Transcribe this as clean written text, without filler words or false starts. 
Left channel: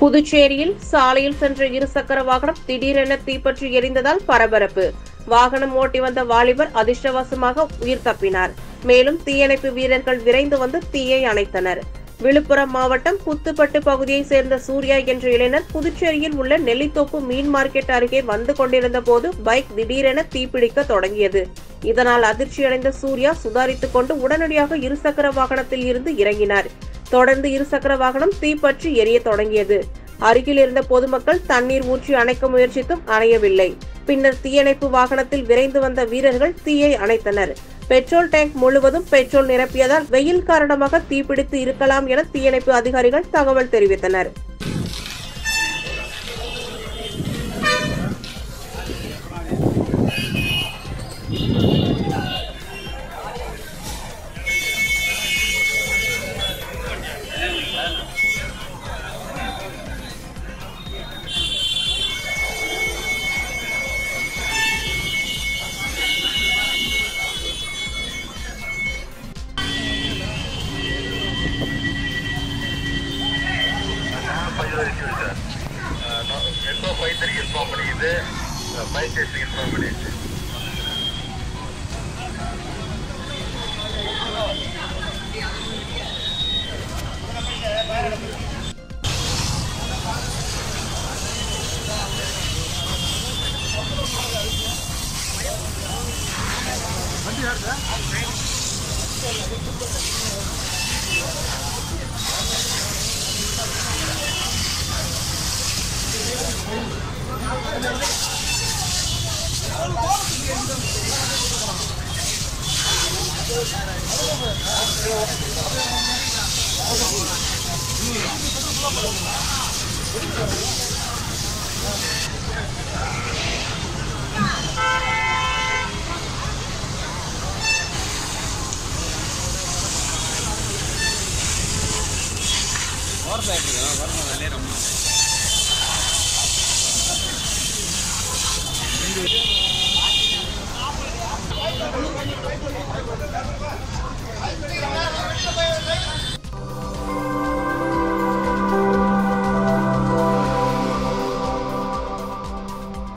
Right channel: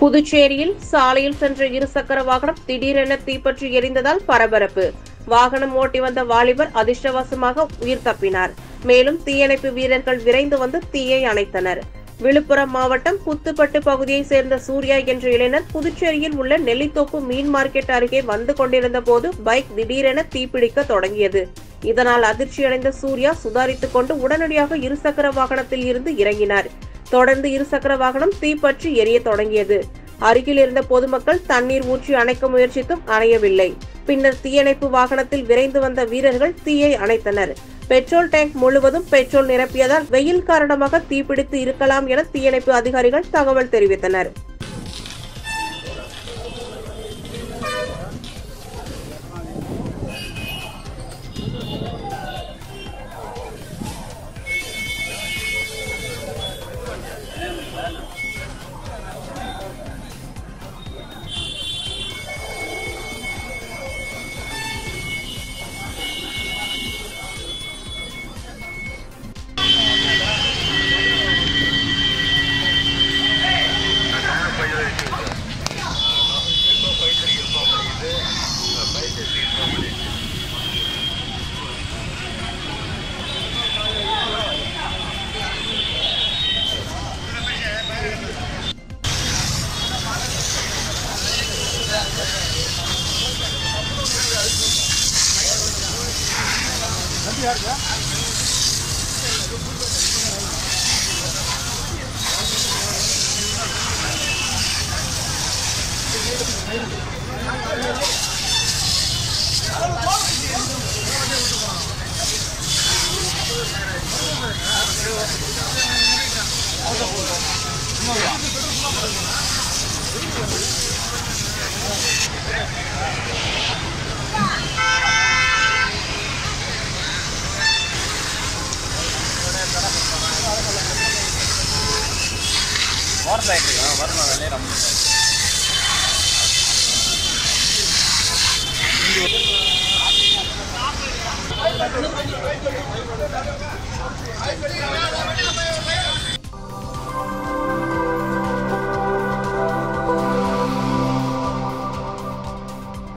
புதுச்சேரியில் சாலையில் சென்ற இருசக்கர வாகனம் திடீரென தீப்பற்றி எரிந்ததால் பரபரப்பு. வாகனம் ஓட்டி வந்த வாலிபர் அதிர்ஷ்டவசமாக உயிர் தப்பினார். மேலும் தீயணைப்பு வீரர்கள் விரைந்து வந்து தீயை அணைத்தனர். விழுப்புரம் மாவட்டம் புத்துப்பட்டு பகுதியைச் சேர்ந்த சூர்யா என்ற இளைஞர் புதுச்சேரியில் உள்ள நெல்லித்தோப்பு மீன் மார்க்கெட் அருகே வந்து கொண்டிருந்த போது பைக் திடீரென தீப்பிடிக்க தொடங்கியது. இதனால் அதிர்ச்சியடைந்த சூர்யா சுதாரித்துக் கொண்டு உடனடியாக இருசக்கர வாகனத்தில் இருந்து இறங்கினார். தொடர்ந்து இருசக்கர வாகனம் தீப்பற்றி எரிய தொடங்கியது. அருகில் இருந்த பொதுமக்கள் தண்ணீர் ஊற்றி அணைக்க முயற்சித்தும் அணையவில்லை. பின்னர் தீயணைப்பு வாகனத்தில் விரைந்து வந்த வீரர்கள் தீயை அணைத்தனர். பெட்ரோல் டேங்க் முழுவதும் பெட்ரோல் நிரப்பியதால் வெயில் காரணமாக தீப்பிடித்து இருக்கலாம் என தீயணைப்பு அதிகாரிகள் தகவல் தெரிவித்தனர். मोटरसाइकिल